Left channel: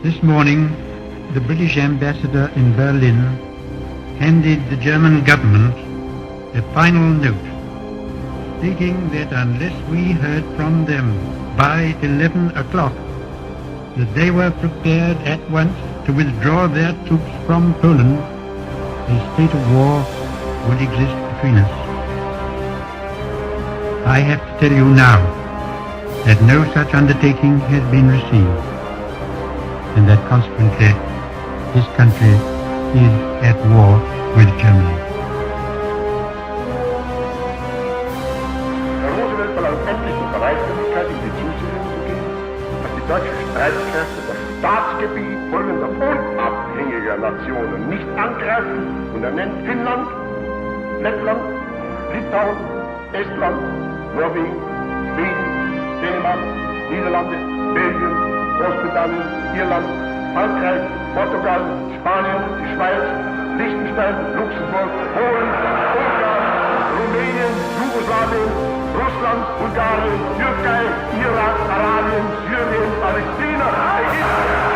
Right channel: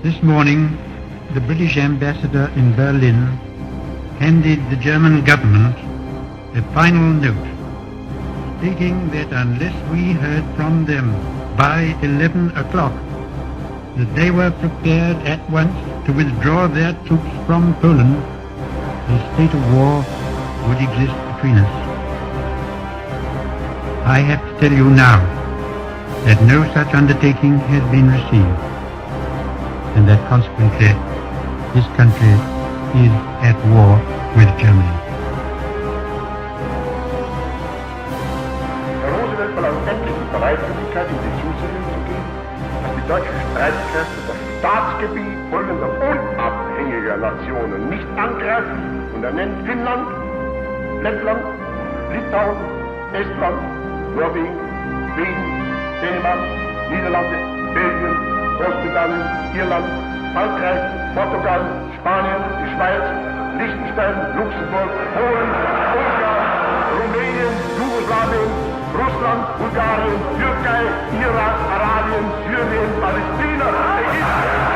This morning, the British ambassador in Berlin handed the German government a final note stating that unless we heard from them by 11 o'clock, that they were prepared at once to withdraw their troops from Poland, a state of war would exist between us. I have to tell you now that no such undertaking has been received, and that consequently this country is at war with Germany. Herr Roosevelt verlangt endlich die Bereitwilligkeit, in die Zusicherung zu geben, dass die deutschen Streitkräfte das Staatsgebiet folgender unabhängiger Nationen nicht angreifen, und er nennt Finnland, Lettland, Litauen, Estland, Norwegen, Schweden, Dänemark, Niederlande, Belgien, Großbritannien, Irland, Frankreich, Portugal, Spanien, die Schweiz, Liechtenstein, Luxemburg, Polen, Ungarn, Rumänien, Jugoslawien, Russland, Bulgarien, Türkei, Irak, Arabien, Syrien, Palästina, Ägypten.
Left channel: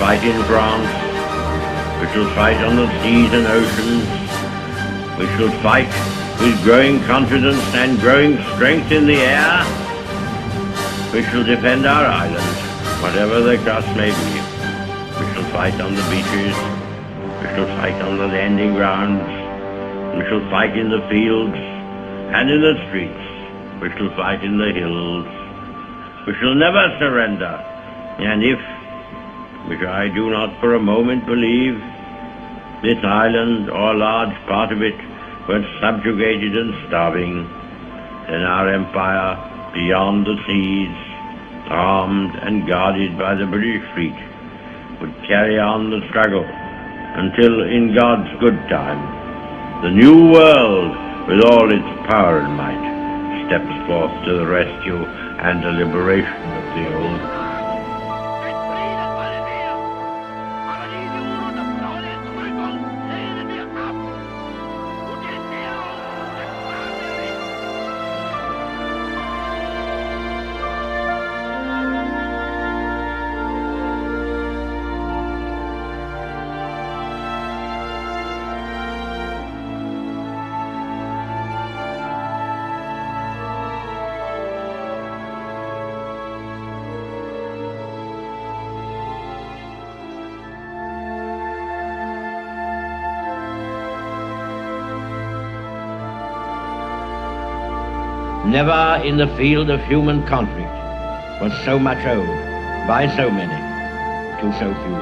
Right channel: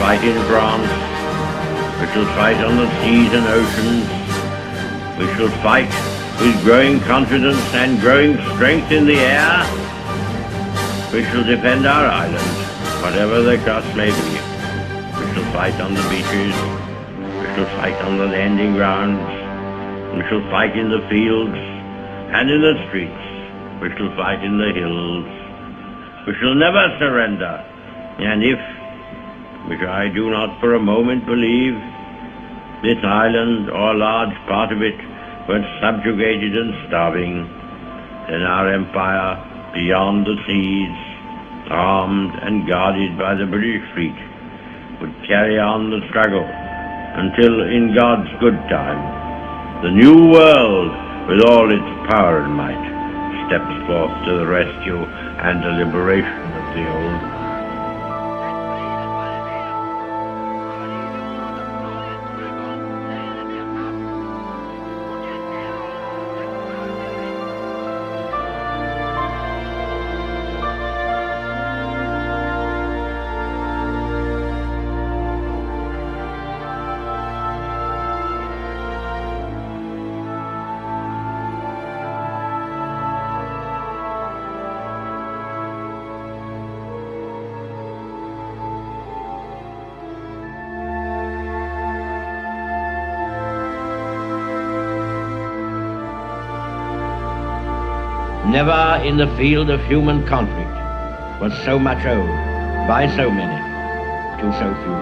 Fight in France, we shall fight on the seas and oceans, we shall fight with growing confidence and growing strength in the air, we shall defend our island, whatever the cost may be. We shall fight on the beaches, we shall fight on the landing grounds, we shall fight in the fields and in the streets, we shall fight in the hills, we shall never surrender, and if, which I do not for a moment believe, this island or a large part of it were subjugated and starving, then our empire beyond the seas, armed and guarded by the British fleet, would carry on the struggle until, in God's good time, the new world, with all its power and might, steps forth to the rescue and the liberation of the old. Never in the field of human conflict was so much owed by so many to so few.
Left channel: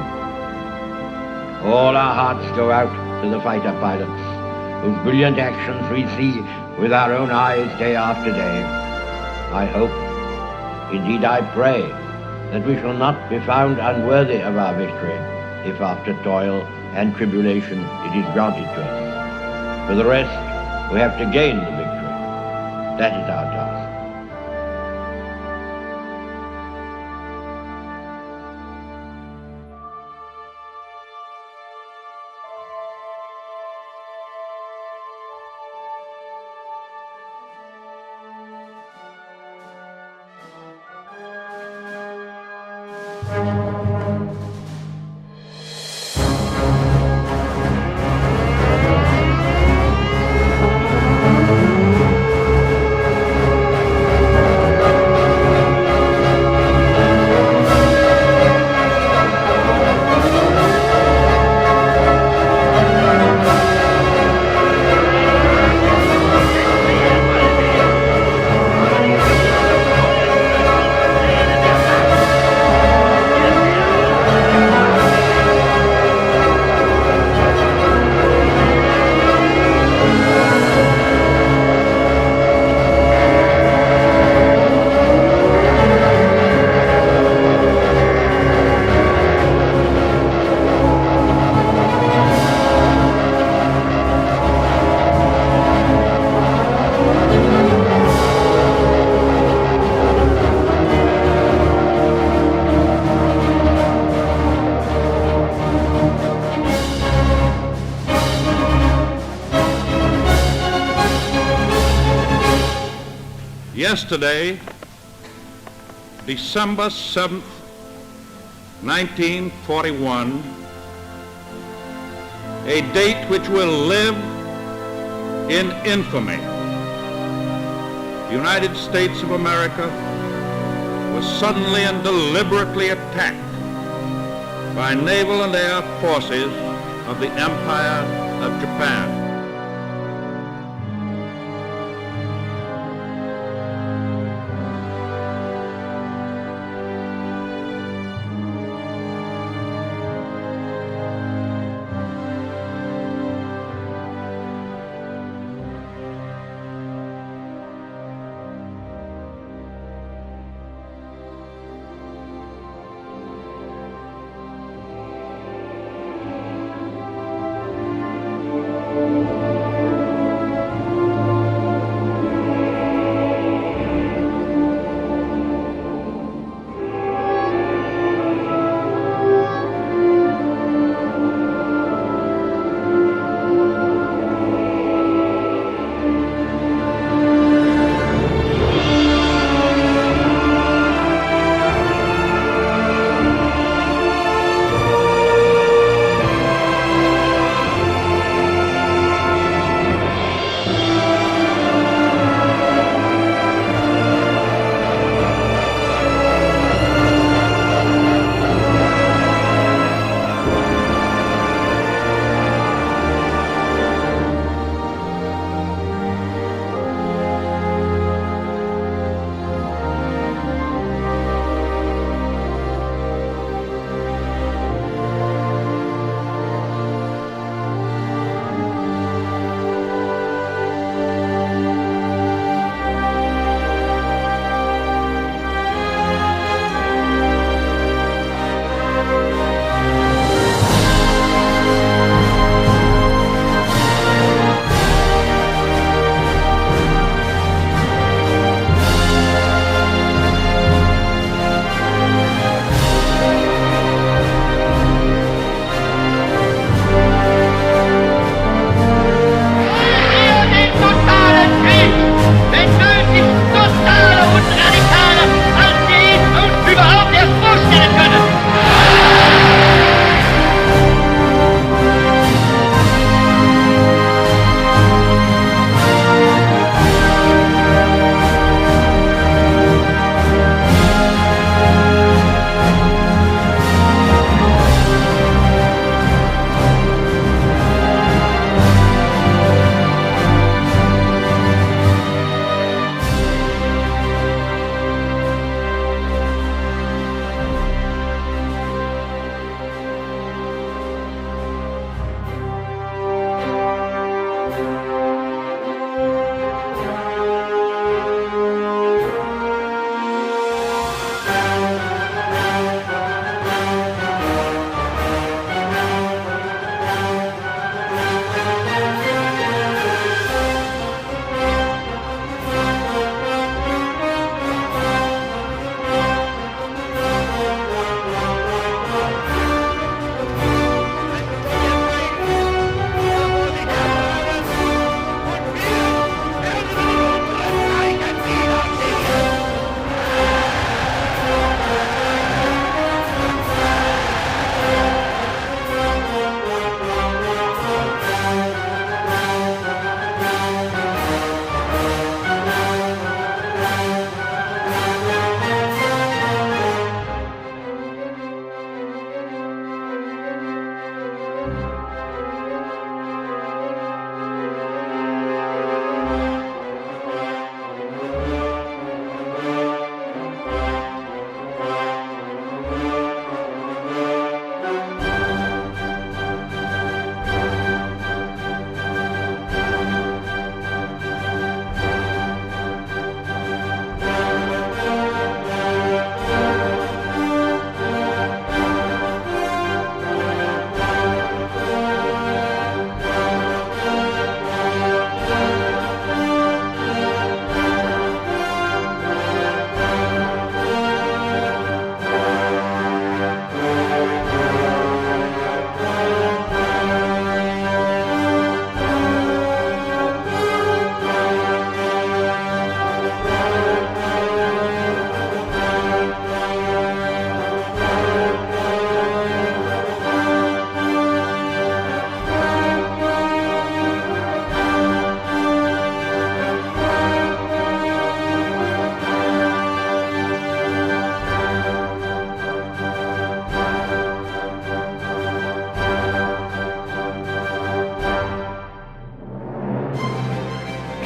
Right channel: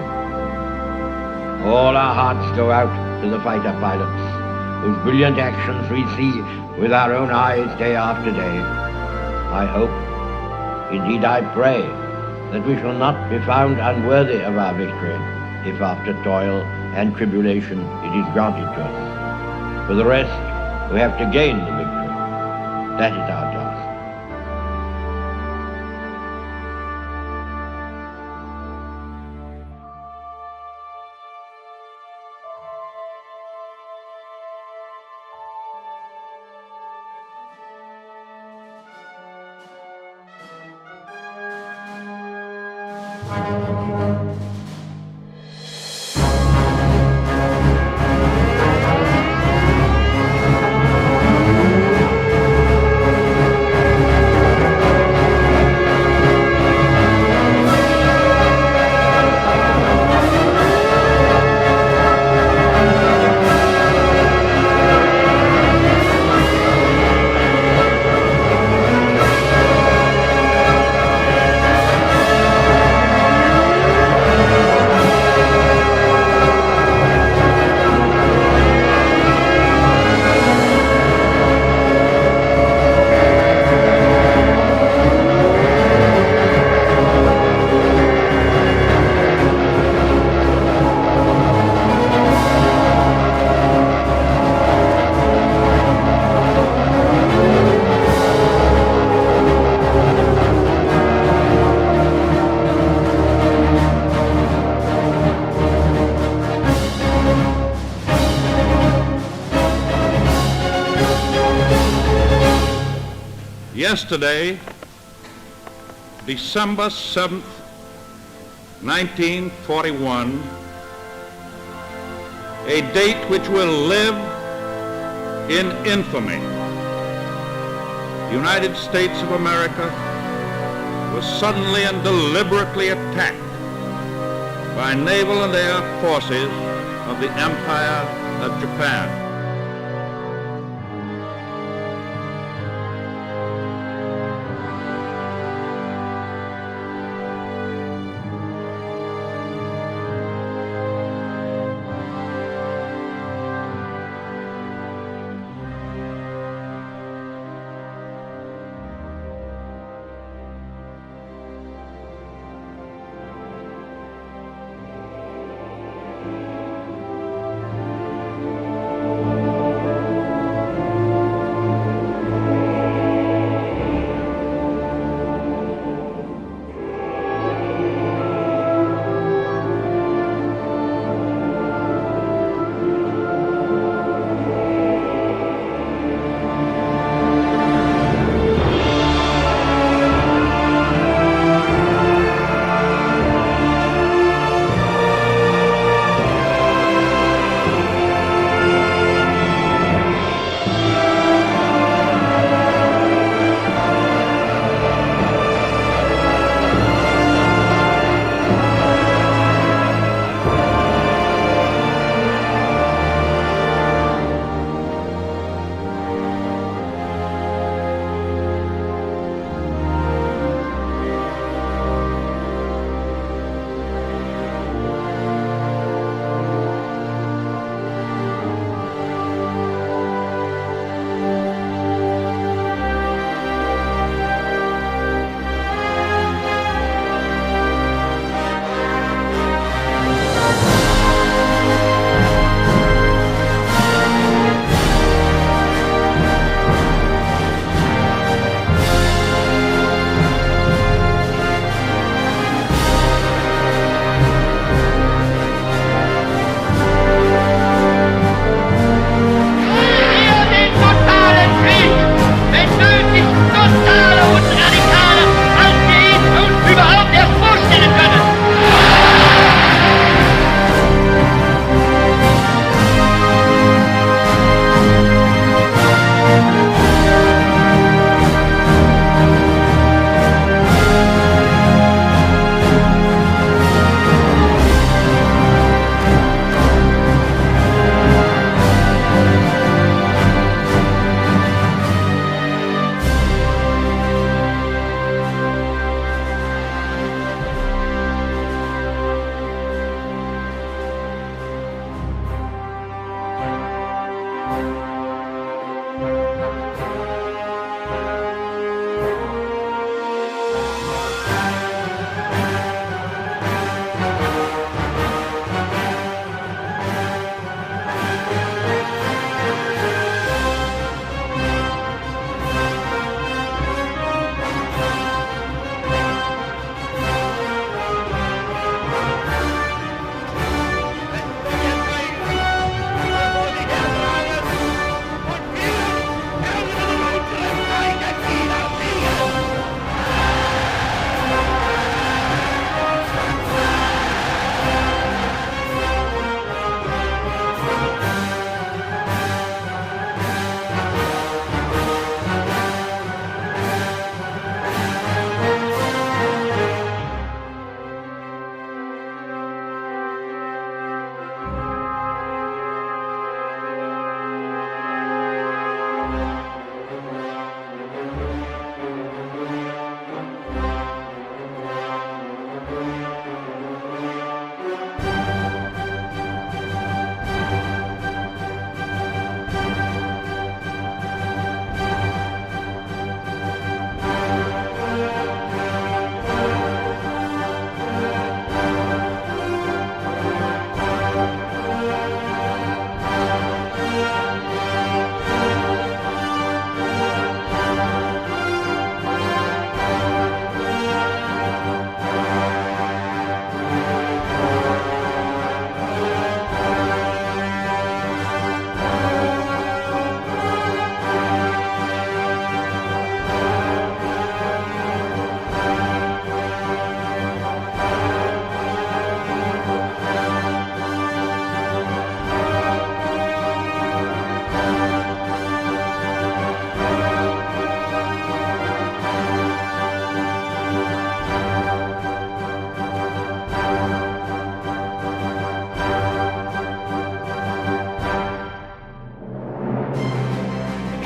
All our hearts go out to the fighter pilots, whose brilliant actions we see with our own eyes day after day. I hope, indeed I pray, that we shall not be found unworthy of our victory, if after toil and tribulation it is granted to us. For the rest, we have to gain the victory. That is our task. Yesterday, December 7th, 1941, a date which will live in infamy. The United States of America was suddenly and deliberately attacked by naval and air forces of the Empire of Japan.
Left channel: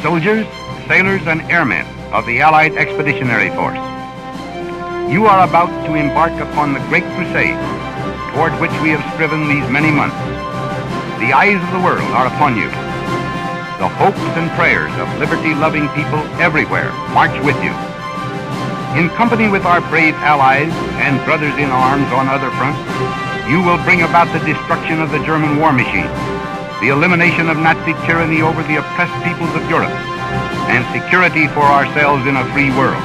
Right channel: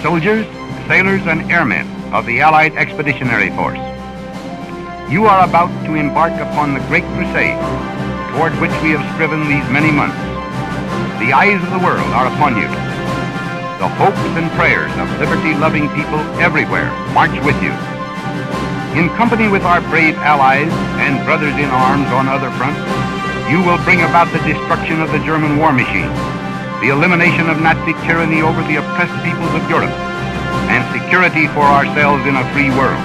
soldiers, sailors, and airmen of the Allied Expeditionary Force. You are about to embark upon the great crusade toward which we have striven these many months. The eyes of the world are upon you. The hopes and prayers of liberty-loving people everywhere march with you. In company with our brave allies and brothers in arms on other fronts, you will bring about the destruction of the German war machine, the elimination of Nazi tyranny over the oppressed peoples of Europe, and security for ourselves in a free world.